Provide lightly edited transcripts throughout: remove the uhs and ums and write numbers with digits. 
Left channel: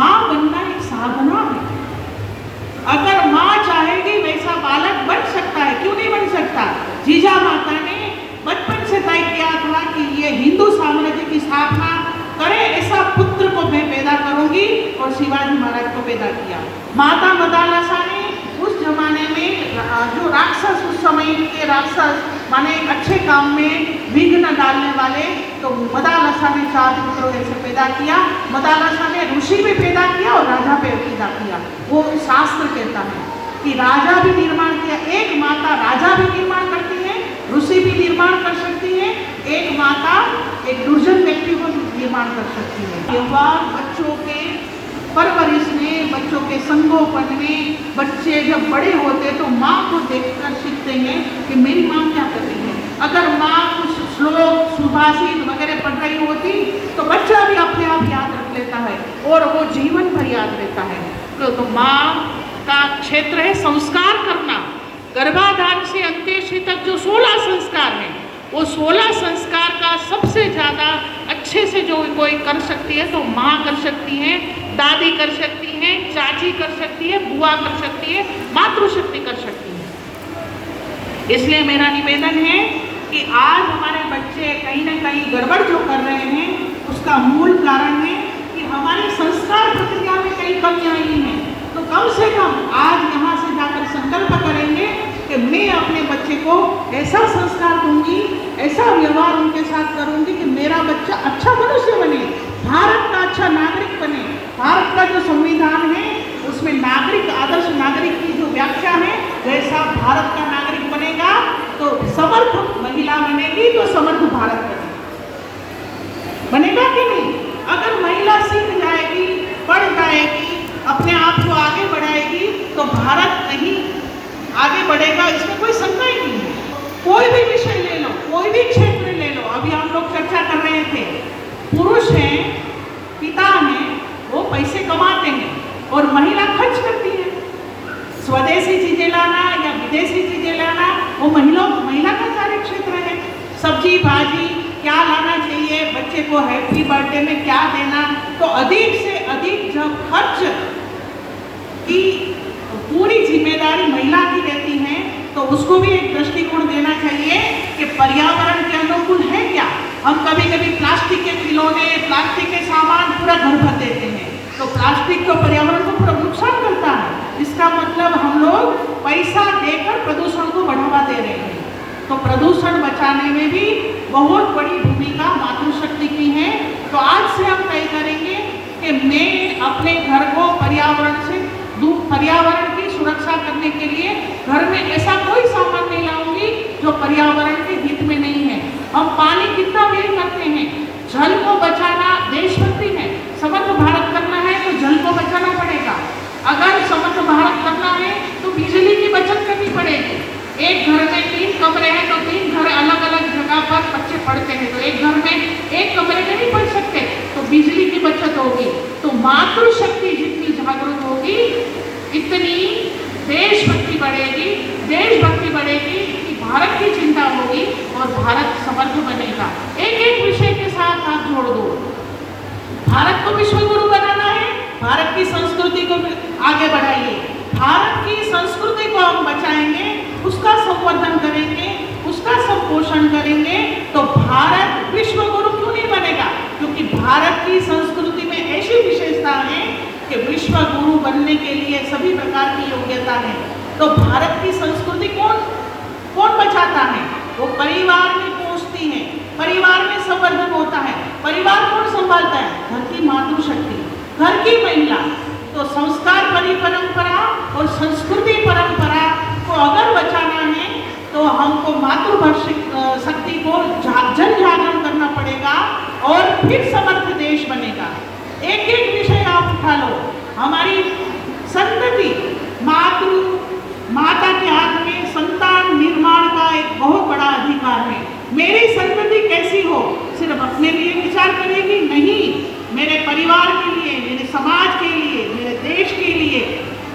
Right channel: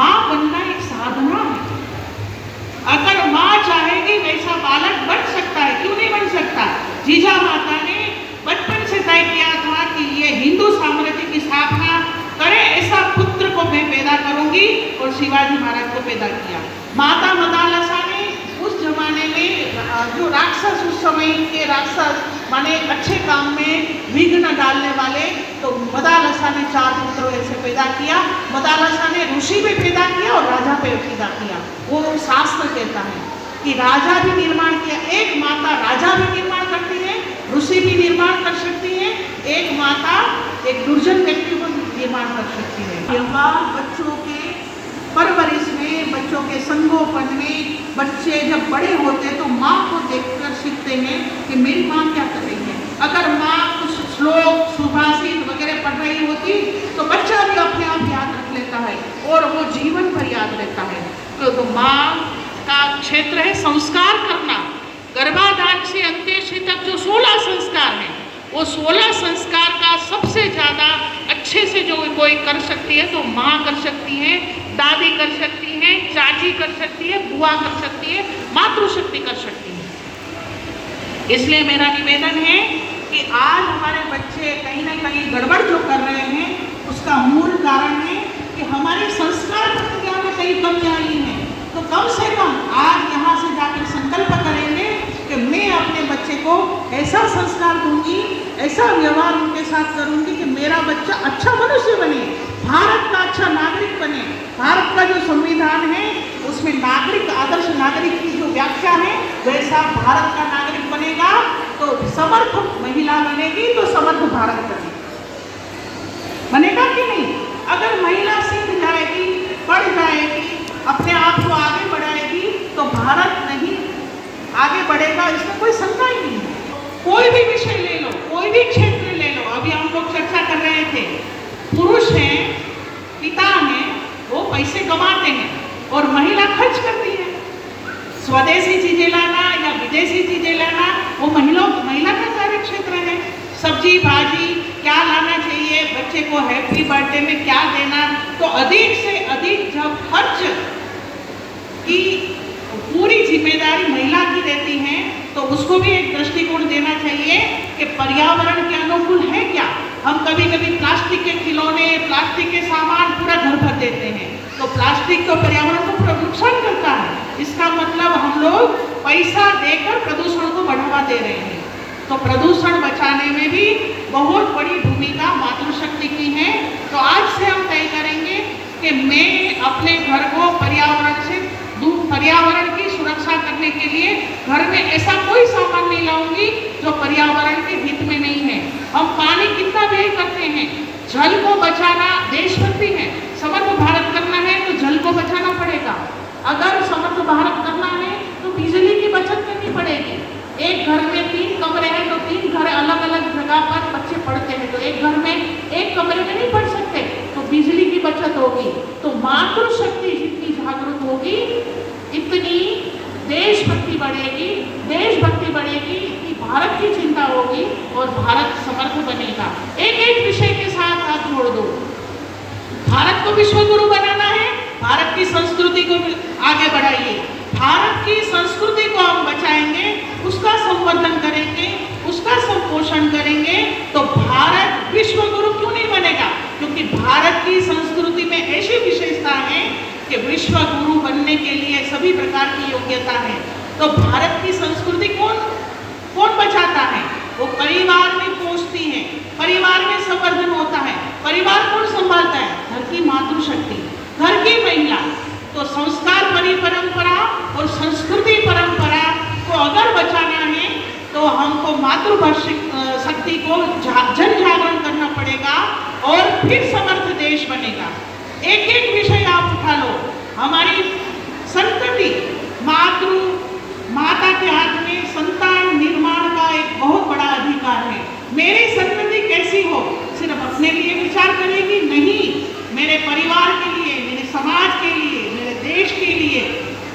माँ बनना एक साधना है। अगर माँ चाहेगी वैसा बालक बन सकता है, क्यों नहीं बन सकता? जीजा माता ने बचपन से तय किया था कि ये हिंदू साम्राज्य की स्थापना करे, ऐसा पुत्र को मैं पैदा करूंगी, और शिवाजी महाराज को पैदा किया। माता मदालसा ने उस जमाने में जो राक्षस, उस समय के राक्षस माने अच्छे काम में विघ्न डालने वाले, तो मदालसा ने 4 पुत्रों ऐसे पैदा किया। मदालसा ने ऋषि भी पैदा किया और राजा भी पैदा किया। वो शास्त्र कहता है कि राजा भी निर्माण किया। एक माता राजा भी निर्माण करती है, ऋषि भी निर्माण कर सकती है, एक माता एक दुर्जन व्यक्ति को निर्माण कर सकती है। व्यवहार बच्चों के परवरिश में, बच्चों के संगोपन में, बच्चे जब बड़े होते तो माँ को देखकर सीखते हैं कि मेरी माँ क्या कर रही है। अगर माँ कुछ श्लोक, सुभाषित वगैरह पढ़ रही होती तो बच्चा भी अपने आप याद रख लेता है और वो जीवन भर याद रहता है। तो माँ का क्षेत्र है संस्कार करना। गर्भाधान से अंत्येष्टि तक जो 16 संस्कार हैं, वो 16 संस्कार का सबसे ज़्यादा अच्छे से जो कोई कर सकती है तो माँ कर सकती है, दादी कर सकती है, चाची कर सकती है, बुआ कर सकती है, मातृशक्ति कर सकती है। इसलिए मेरा निवेदन है कि आज हमारे बच्चे कहीं ना कहीं गड़बड़ जो कर रहे हैं, उसका मूल कारण है कि हमारे संस्कार प्रक्रिया में कई कमियाँ आई हैं। तो कम से कम आज यहाँ से जाकर संकल्प करेंगे कि मैं अपने बच्चे को ऐसा संस्कार दूंगी, ऐसा व्यवहार उनके साथ करूंगी कि मेरा बच्चा अच्छा मनुष्य बने, भारत का अच्छा नागरिक बने। भारत का जो संविधान है उसमें नागरिक, आदर्श नागरिक की जो व्याख्या है, वैसा भारत का नागरिक बनेगा तो समर्थ महिला बनेगी, तो समर्थ भारत बनेगा कि नहीं? अगर महिला सीख जाएगी, पढ़ जाएगी, अपने आप को आगे बढ़ाएगी तो भारत नहीं आगे बढ़ेगा, इसमें कोई शंका ही नहीं है। कोई भी विषय ले लो, कोई भी क्षेत्र ले लो। अभी हम लोग चर्चा कर रहे थे, पुरुष हैं, पिता हैं, वो पैसे कमाते हैं और महिला खर्च करती है। स्वदेशी चीजें लाना या विदेशी चीजें लाना वो महिला का कार्य क्षेत्र है। सब्जी भाजी क्या लाना चाहिए, बच्चे को हैप्पी बर्थडे में क्या देना, तो अधिक से अधिक जब खर्च की पूरी जिम्मेदारी महिला की रहती है तो उसको भी एक दृष्टिकोण देना चाहिए कि पर्यावरण के अनुकूल है क्या। हम कभी कभी प्लास्टिक के खिलौने, प्लास्टिक के सामान पूरा घर भर देते हैं, तो प्लास्टिक तो पर्यावरण को पूरा नुकसान करता है। इसका मतलब हम लोग पैसा देकर प्रदूषण को बढ़ावा दे रहे हैं। तो प्रदूषण बचाने में भी बहुत बड़ी भूमिका मातृशक्ति की है। तो आज से हम तय करेंगे कि मैं अपने घर को पर्यावरण से दूर, पर्यावरण की सुरक्षा करने के लिए घर में ऐसा कोई सामान नहीं लाऊंगी जो पर्यावरण के हित में नहीं है। हम पानी कितना व्यय करते हैं, जल को बचाना देशभक्ति है। समर्थ भारत करना है तो जल को बचाना पड़ेगा। अगर समर्थ भारत करना है तो बिजली की बचत करनी पड़ेगी। एक घर में 3 कमरे हैं तो 3 घर अलग अलग जगह पर बच्चे पढ़ते हैं, तो एक घर में एक कमरे में नहीं पढ़ सकते, तो बिजली की बचत होगी। तो मातृशक्ति जितनी जागरूक होगी इतनी देशभक्ति बढ़ेगी, देशभक्ति बढ़ेगी कि भारत की चिंता होगी और भारत समर्थ बनेगा। एक एक विषय के साथ आप जोड़ दो। भारत को विश्व गुरु बनाना है, भारत की संस्कृति को आगे बढ़ाइए। भारत की संस्कृति को हम बचाएंगे, उसका संवर्धन करेंगे, उसका संपोषण करेंगे, तो भारत विश्व गुरु क्यों नहीं बनेगा? क्योंकि भारत की संस्कृति में ऐसी विशेषता है कि विश्व गुरु बनने के लिए सभी प्रकार की योग्यता है। तो भारत की संस्कृति कौन बचाता है? वो परिवार में पहुंचती है, परिवार में संवर्धन होता है। परिवार कौन संभालता है? घर की मातृशक्ति, घर की महिला। तो संस्कार परंपरा और संस्कृति परंपरा को अगर बचाना है तो हमको मातृशक्ति को जन जागरण करना पड़ेगा और फिर समर्थ देश बनेगा। एक एक विषय आप उठा लो। हमारी संतति, माता के हाथ में संतान निर्माण का एक बहुत बड़ा अधिकार है। मेरी संतति कैसी हो सिर्फ अपने लिए विचार करेगी नहीं, मेरे परिवार के लिए, मेरे समाज के लिए, मेरे देश के लिए,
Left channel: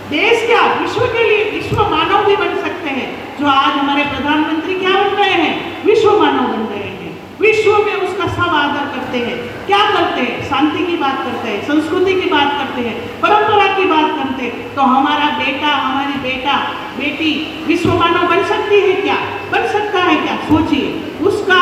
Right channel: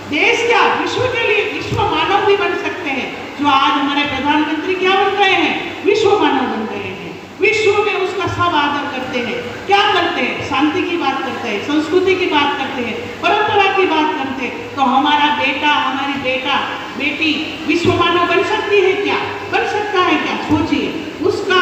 देश क्या विश्व के लिए, विश्व मानव भी बन सकते हैं। जो आज हमारे प्रधानमंत्री क्या बन गए हैं? विश्व मानव बन गए हैं। विश्व में उसका सब आदर करते हैं। क्या करते हैं? शांति की बात करते हैं, संस्कृति की बात करते हैं, परंपरा की बात करते हैं। तो हमारा बेटा, हमारी बेटी विश्व मानव बन सकती है क्या? बन सकता है क्या? सोचिए, उसका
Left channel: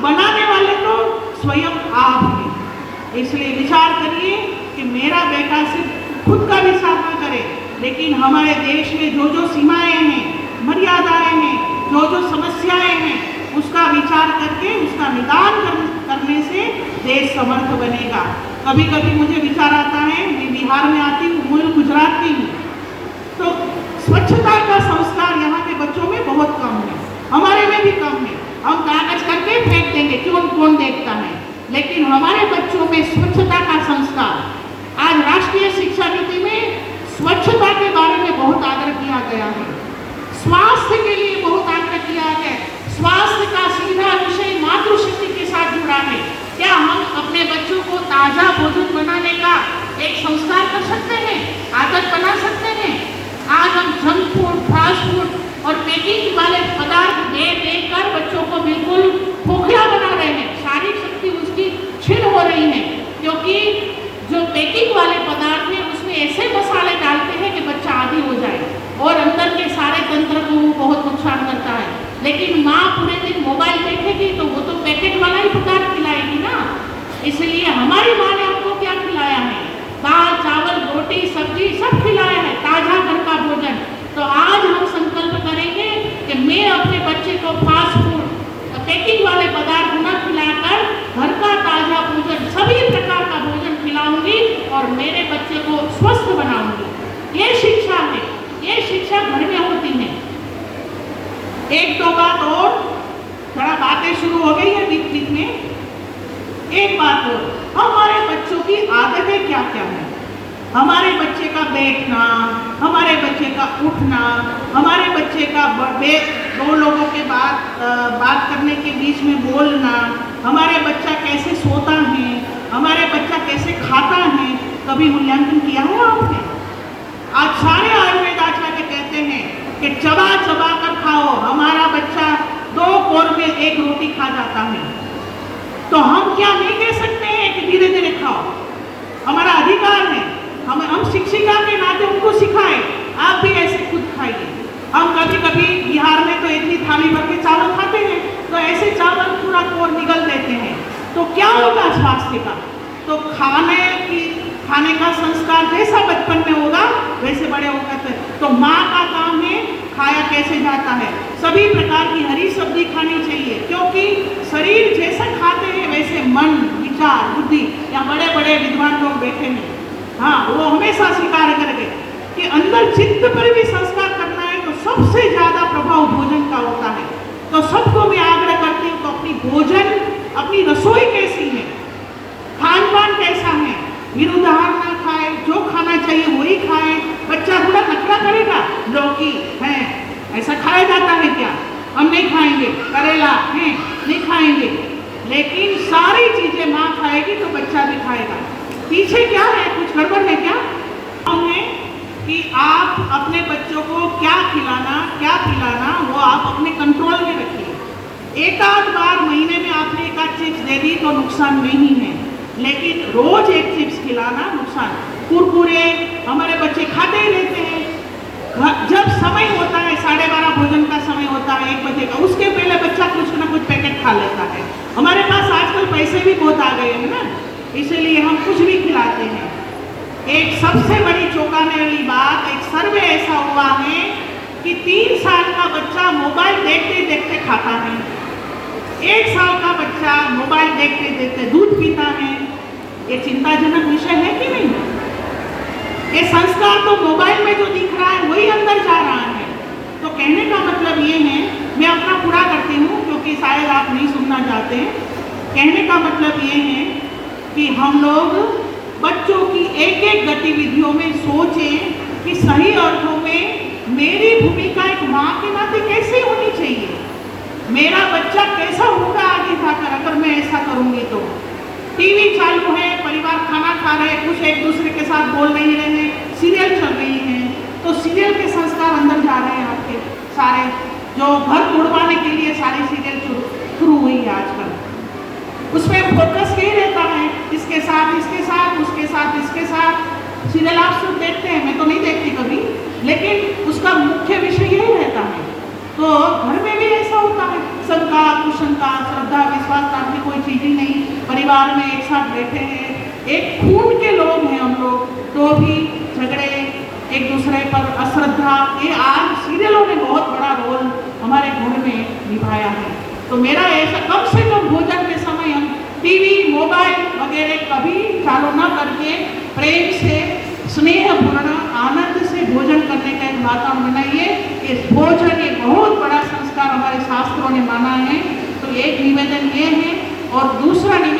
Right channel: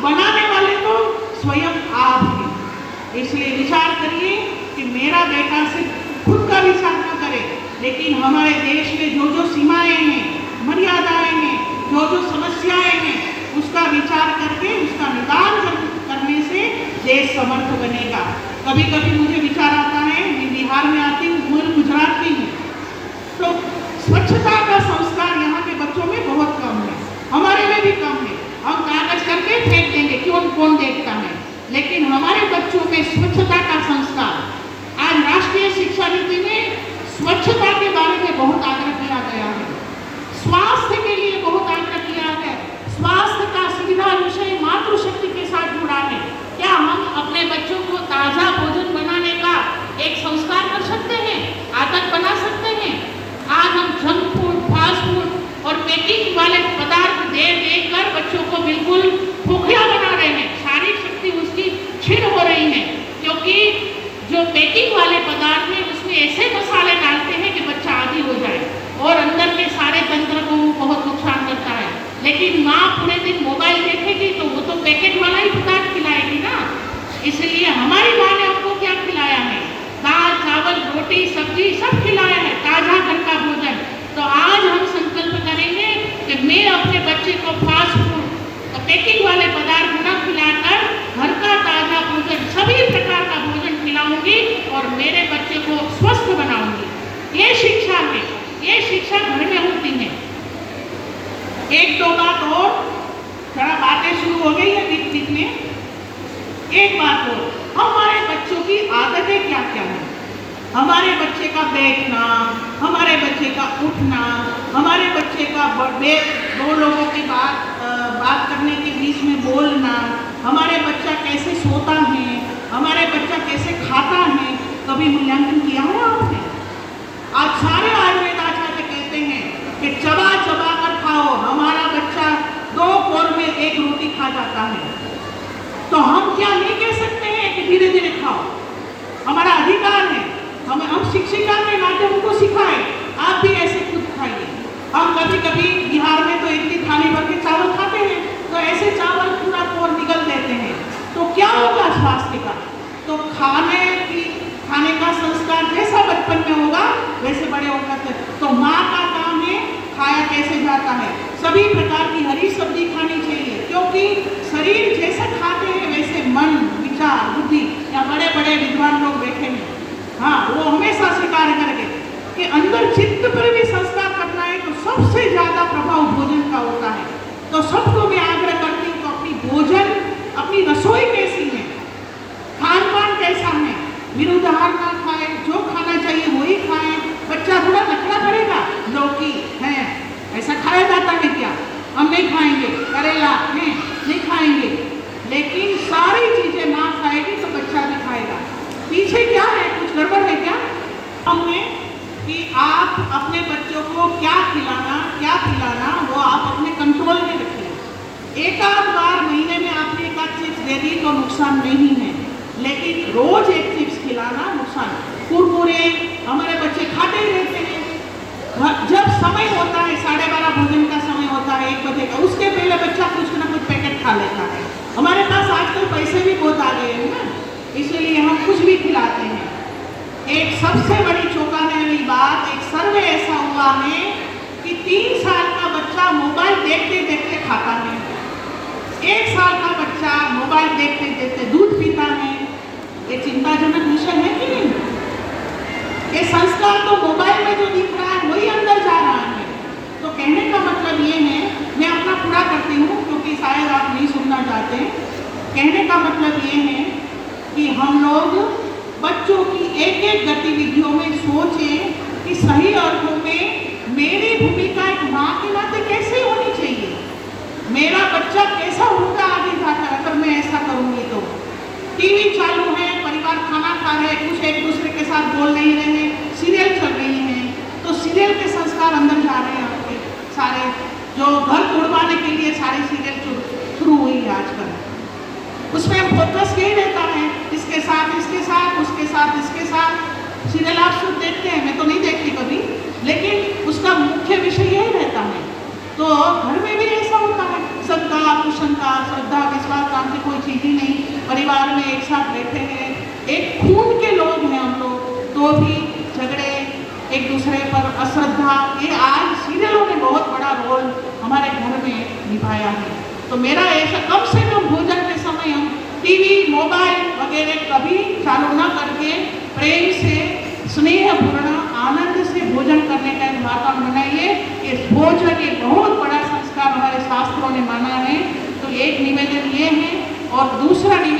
बनाने वाले तो स्वयं आप हैं। इसलिए विचार करिए कि मेरा बेटा सिर्फ खुद का विचार न करे, लेकिन हमारे देश में जो जो सीमाएं हैं, मर्यादाएं हैं, जो जो समस्याएं हैं, उसका विचार करके उसका निदान करने से देश समर्थ बनेगा। कभी कभी मुझे विचार आता है, मैं बिहार में आती हूँ, मूल गुजरात की हूँ, तो स्वच्छता का संस्कार यहाँ के बच्चों में बहुत कम है, हमारे में भी कम है। हम कागज करके फेंक देंगे, क्यों, कौन देखता है? लेकिन हमारे बच्चों में स्वच्छता का संस्कार, आज राष्ट्रीय शिक्षा नीति में स्वच्छता के बारे में बहुत आग्रह किया गया है, स्वास्थ्य के लिए बहुत आग्रह किया है। स्वास्थ्य का सीधा विषय मातृशक्ति के साथ जुड़ा है। क्या हम अपने बच्चों को ताजा भोजन बनाने का एक संस्कार कर सकते हैं, आदत बना सकते हैं? आज हम जंक फूड, फास्ट फूड और पैकिंग वाले पदार्थ दे कर बच्चों को बिल्कुल खोखला बना रहे हैं, शारीरिक शक्ति उसकी छीन हो रही है, क्योंकि जो पैकिंग वाले पदार्थ हैं उसमें ऐसे मसाले डालते हैं कि बच्चा आदी हो जाए और अंदर के सारे तंत्र को बहुत नुकसान करता है। लेकिन माँ पूरे दिन मोबाइल देखेगी तो वो तो पैकेट वाला ही पदार्थ खिलाएगी ना। इसलिए हमारी माँ ने हमको क्या खिलाया है? दाल, चावल, रोटी, सब्जी सब खिलाया है, ताजा घर का भोजन। तो आज हम संकल्प करेंगे कि मैं अपने बच्चे को फास्ट फूड, पैकिंग वाले पदार्थ न खिलाकर घर का ताजा भोजन, सभी प्रकार का भोजन खिलाऊंगी और मेरे बच्चे को स्वस्थ बनाऊंगी। ये शिक्षा है, ये शिक्षा घर में होती है। एक दो बात और, थोड़ा बातें शुरू हो गई है बीच बीच में। एक बात और, हमारे बच्चों की आदतें क्या क्या है? हमारे बच्चे का बैठना, हमारे बच्चे का उठना, हमारे बच्चे का दो लोगों के बात करने के बीच में बोलना, हमारे बच्चा कैसे सोता है, हमारे बच्चा कैसे खाता है, कभी मूल्यांकन किया है आपने? आज सारे आयुर्वेद आचार्य कहते हैं कि चबा चबा कर खाओ। हमारा बच्चा 2 कोर में 1 रोटी खा जाता है, तो हम क्या नहीं कह सकते हैं कि धीरे धीरे खाओ? हमारा अधिकार है, हम शिक्षिका के नाते उनको सिखाएं, आप भी ऐसे खुद खाइए। हम कभी कभी बिहार में तो इतनी थाली भर के चावल खाते हैं, तो ऐसे चावल पूरा कोर निगल देते हैं, तो क्या होगा स्वास्थ्य का? तो खाने का संस्कार जैसा बचपन में होगा वैसे बड़े होकर तो माँ का काम है खाया कैसे जाता है। सभी प्रकार की हरी सब्जी खानी चाहिए, क्योंकि शरीर जैसा खाते हैं वैसे मन, विचार, बुद्धि, या बड़े बड़े विद्वान लोग बैठे हैं, हाँ, वो हमेशा स्वीकार करेंगे कि अंदर चित्त पर भी संस्कार करना है तो सबसे ज्यादा प्रभाव भोजन का होता है। तो सबको मैं आग्रह करती हूँ तो अपनी भोजन, अपनी रसोई कैसी है, खान पान कैसा है, विरुद्ध आहार ना खाए, जो खाना चाहिए वही खाए। बच्चा थोड़ा नखरा करेगा, लौकी है ऐसा खाया जाता है क्या? हम नहीं खाएंगे, करेला है नहीं खाएंगे, लेकिन सारी चीजें माँ खाएगी तो बच्चा भी खाएगा। पीछे क्या है, कुछ गड़बड़ है क्या? हमें कि आप अपने बच्चों को क्या खिलाना, क्या पिलाना, वो आप अपने कंट्रोल में रखिए। एक आध बार महीने में आपने एक आध चिप्स दे दी तो नुकसान नहीं है, लेकिन रोज एक चिप्स खिलाना नुकसान। कुरकुरे हमारे बच्चे खाते ही रहते हैं। जब समय होता है 12:30 भोजन का समय होता है 1 बजे का, उसके पहले बच्चा कुछ ना कुछ पैकेट खा लेता है। हमारे पास आजकल पैसे भी बहुत आ गए हैं ना, इसलिए हम कुछ भी खिलाते हैं। एक सबसे बड़ी चौंकाने वाली बात, एक सर्वे ऐसा हुआ है कि 3 साल का बच्चा मोबाइल देखते देखते खाता है, 1 साल का बच्चा मोबाइल देखते देखते दूध पीता है। ये चिंताजनक विषय है कि नहीं? ये संस्कार तो मोबाइल में जो दिख रहा है वही अंदर जा रहा है। तो कहने का मतलब ये है, मैं अपना पूरा करती हूँ क्योंकि शायद आप नहीं सुनना चाहते। कहने का मतलब ये है कि हम लोग बच्चों की एक एक गतिविधियों में सोचें कि सही अर्थों में मेरी भूमिका एक माँ के नाते कैसे होनी चाहिए, मेरा बच्चा कैसा होगा आगे जाकर अगर मैं ऐसा करूँगी तो। टीवी चालू है, परिवार खाना खा रहे, कुछ एक दूसरे के साथ बोल नहीं रहे, सीरियल चल रही है, तो सीरियल के संस्कार अंदर जा रहे हैं आपके सारे, जो घर उड़वाने के लिए सारी सीरियल शुरू हुई है आजकल। उसमें फोकस यही रहता है साथ इसके साथ सीरियल आप सब देखते हैं, मैं तो नहीं देखती कभी, लेकिन उसका मुख्य विषय यही रहता है। तो घर में भी ऐसा होता है, शंका कुशंका श्रद्धा विश्वास नाम की कोई चीज ही नहीं, परिवार में एक साथ बैठे हैं, एक खून के लोग हैं हम लोग, तो भी झगड़े एक दूसरे पर अश्रद्धा, ये आज सीरियलों ने बहुत बड़ा रोल हमारे घर में निभाया है। तो मेरा ऐसा कम से कम भोजन के समय हम टीवी मोबाइल वगैरह कभी चालू न करके प्रेम से स्नेहपूर्ण आनंद से भोजन करने का एक वातावरण बनाइए। इस भोजन एक बहुत बड़ा संस्कार हमारे शास्त्रों ने माना है। तो एक निवेदन ये है, और दूसरा निवेदन